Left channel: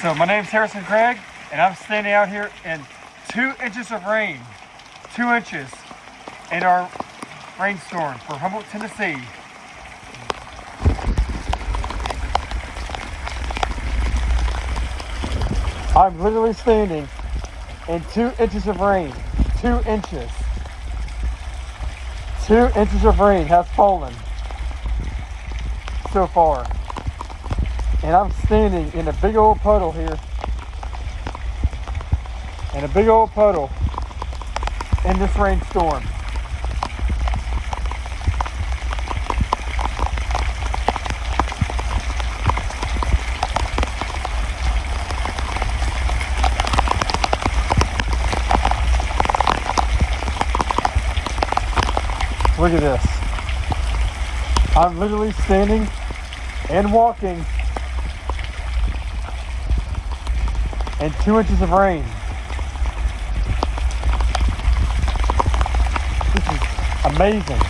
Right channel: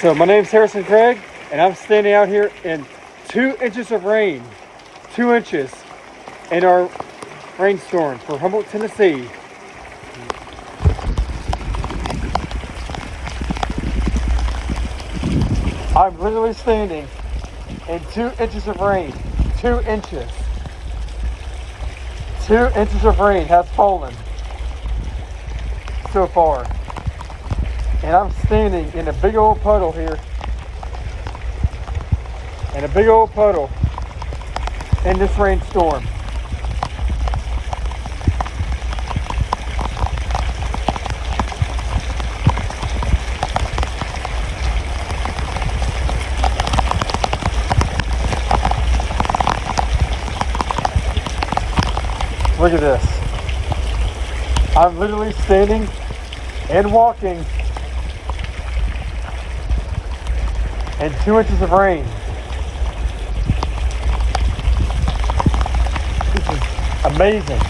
So my name's Harrison Craig, and I'm standing out here in 2 inches of rain, 2 inches in our rainstorm for Humboldt, Tennessee. I'm literally standing in 2 inches of rain, 2 inches. 2 inches of rain has fallen so far. And I'm standing in a big old puddle here. In a big old puddle in this rainstorm. Look at this. I'm literally standing and walking in 2 inches of rain. This is amazing.